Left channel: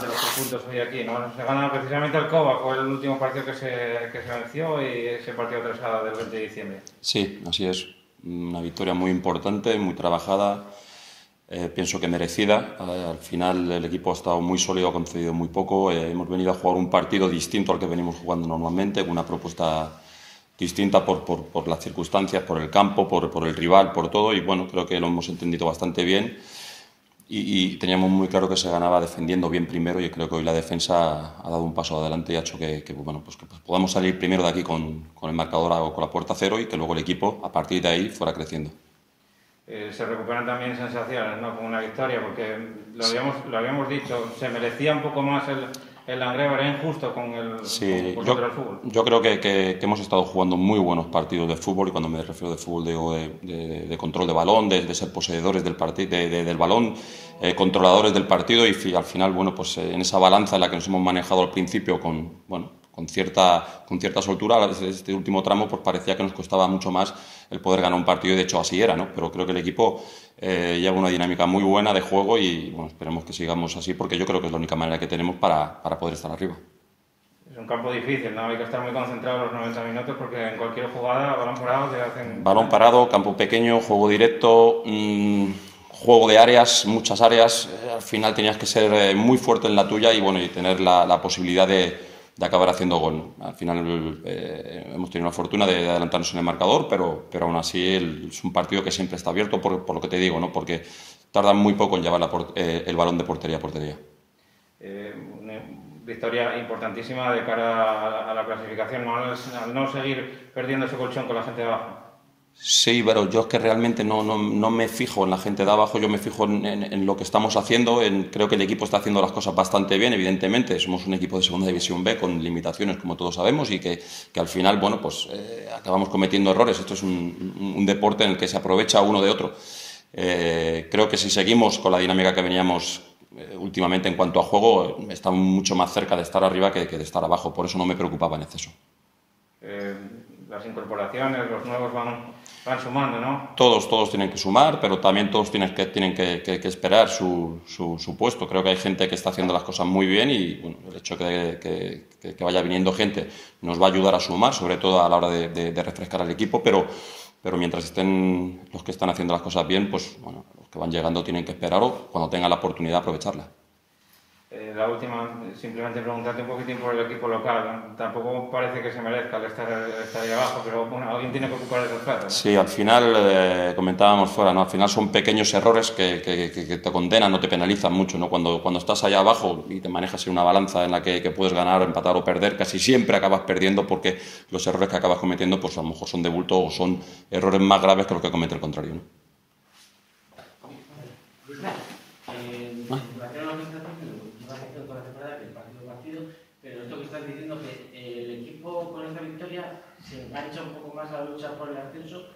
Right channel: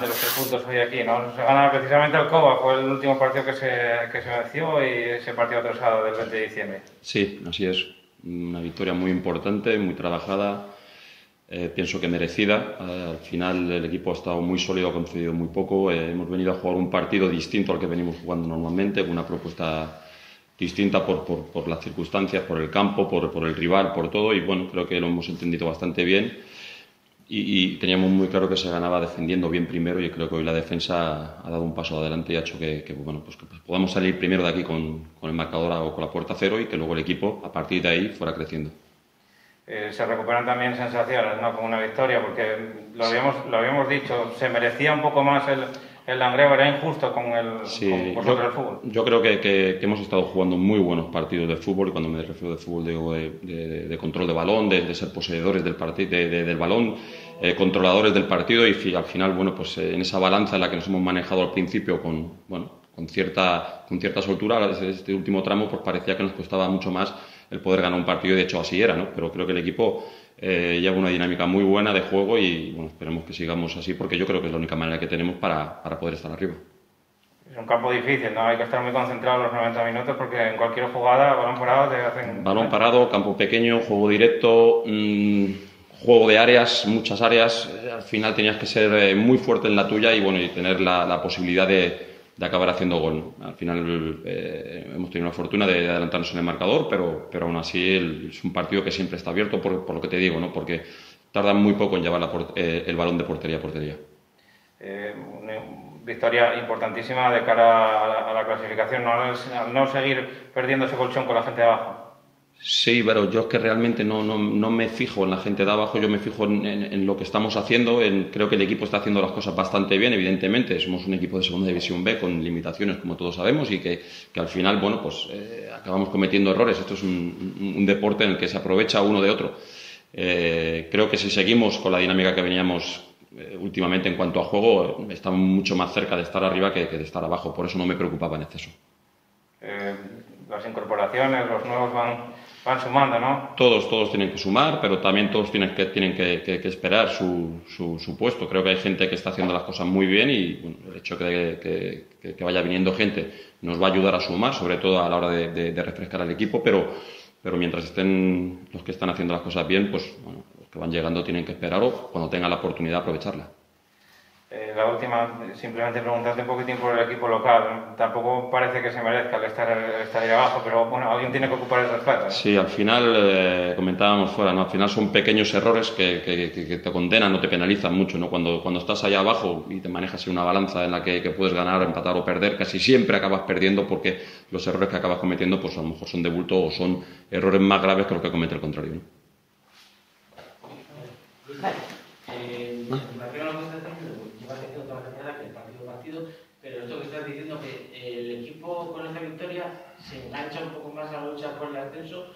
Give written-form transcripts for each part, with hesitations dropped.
de los 3 puntos hoy aquí, ¿no? Se gana precisamente el COBA, fue el último partido que se venció y ese partido atrasado del 20 de diciembre. Sí, así es. Una victoria muy importante, muy trabajada, pienso que merecida. Al final el equipo ha estado muy sólido, ha concedido muy poco. Hemos venido a jugar un partido distinto al que venimos jugando normalmente, con una propuesta distinta por las circunstancias, por el campo, por el rival, por todo. Y bueno, creo que lo hemos entendido bastante bien. Y teníamos muy claro que se ganaba defendiendo bien primero, y creo que hoy la defensa ha dado un paso adelante y ha hecho que podamos salir primero de aquí con el marcador o con la puerta cero, y que luego el equipo a partir de ahí fuera creciendo. Se recuperan también sensaciones, ¿no? Con una victoria, porque lo habíamos dicho, se merecía un poco más el Langreo, era injusto con el fútbol. Yo creo que hemos estado jugando muy buenos partidos de fútbol, y cuando me refiero de fútbol digo de control de balón, de ser poseedores del partido, del balón, controladores del partido, y al final, bueno, pues en esa balanza en la que nos hemos manejado al principio con cierta soltura, este último tramo pues parecía que nos costaba mucho más el poder ganar un partido, y de hecho así era, ¿no? Pero creo que el equipo lleva una dinámica muy buena de juego, y bueno, esperemos que sigamos así, porque yo creo que es la única manera que tenemos para poder estar arriba. Es un campo difícil, ¿no? Hay que estar muy concentrado los 90 minutos, porque en cualquier jugada, balón parado, te hacen... Balón parado, campo pequeño, juego directo, juego de áreas, muchas áreas. Al final tenías que ser muy fuerte en la tuya y bueno, y tener la posibilidad de acabar haciendo gol. Al final hemos tenido la fortuna de adelantarnos en el marcador, pero aún así es un partido que siempre está abierto, por lo que te digo, ¿no? Porque tardan muy poco en llevar el balón de portería a portería. Una victoria importantísima de cara a la clasificación, ¿no? Al no seguir perdiendo ese colchón con la gente de abajo. Sí, pero yo es que realmente no me fijo en la gente de abajo, yo me fijo en lo que estamos haciendo. Creo que el equipo está haciendo las cosas bastante bien, evidentemente. Somos un equipo de Segunda División B con limitaciones, como todos sabemos, y que al final, bueno, pues acabamos cometiendo errores. Esto es un deporte en el que se aprovecha uno de otro. Creo que si seguimos con la dinámica que veníamos últimamente en cuanto a juego, estamos mucho más cerca de estar arriba que de estar abajo. Por eso no me preocupaba en exceso. Las incorporaciones, los nuevos van sumando, ¿no? Todos tienen que sumar, pero también todos tienen que esperar su puesto. Creo que hay gente que está haciendo las cosas muy bien, y bueno, el hecho que vaya viniendo gente nos va a ayudar a sumar, sobre todo a la hora de refrescar al equipo, pero mientras estén los que están haciendo las cosas bien, pues bueno, los que van llegando tienen que esperar, o cuando tengan la oportunidad aprovecharla. La última, simplemente preguntarte un poquitín por el equipo local. Tampoco parece que se merezca el estar ahí abajo, pero bueno, alguien tiene que ocupar el respeto, ¿eh? Sí, al final, comentábamos fuera, ¿no? Al final son pequeños errores que te condenan, no te penalizan mucho, ¿no? Cuando estás allá abajo y te manejas en una balanza en la que puedes ganar, empatar o perder, casi siempre acabas perdiendo, porque los errores que acabas cometiendo pues a lo mejor son de bulto o son errores más graves que lo que comete el contrario, ¿no? Pero esto que estás diciendo, que el equipo con esta victoria se engancha un poco más a la lucha por el ascenso,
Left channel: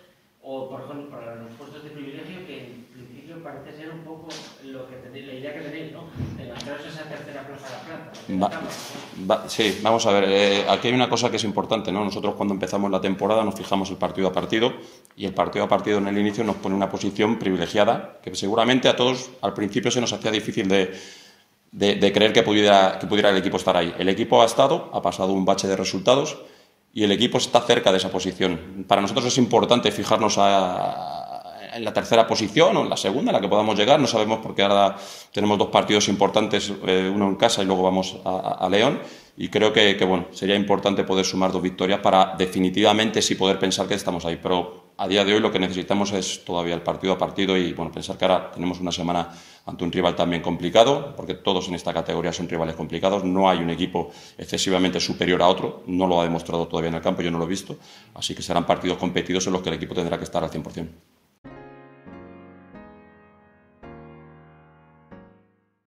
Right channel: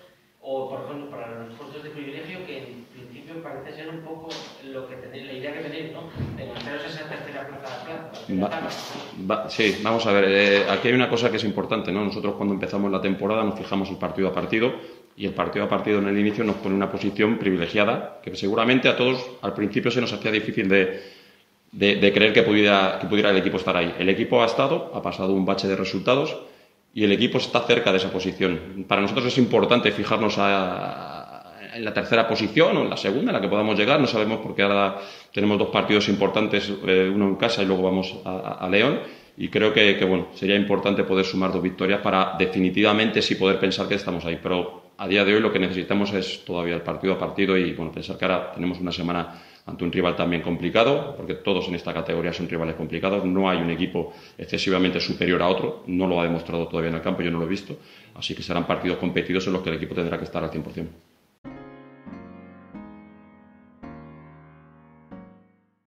o por ejemplo para los puestos de privilegio, que en principio parece ser un poco la idea que tenéis, ¿no? De engancharos esa tercera plaza. Sí, vamos a ver, aquí hay una cosa que es importante, ¿no? Nosotros cuando empezamos la temporada nos fijamos el partido a partido, y el partido a partido en el inicio nos pone una posición privilegiada, que seguramente a todos al principio se nos hacía difícil de creer que pudiera el equipo estar ahí. El equipo ha pasado un bache de resultados, y el equipo está cerca de esa posición. Para nosotros es importante fijarnos en la tercera posición o en la segunda, en la que podamos llegar. No sabemos, porque ahora tenemos 2 partidos importantes, uno en casa y luego vamos a León, y creo que bueno, sería importante poder sumar 2 victorias para definitivamente sí poder pensar que estamos ahí. Pero a día de hoy lo que necesitamos es todavía el partido a partido, y bueno, pensar que ahora tenemos una semana ante un rival también complicado, porque todos en esta categoría son rivales complicados. No hay un equipo excesivamente superior a otro, no lo ha demostrado todavía en el campo, yo no lo he visto, así que serán partidos competidos en los que el equipo tendrá que estar al 100%.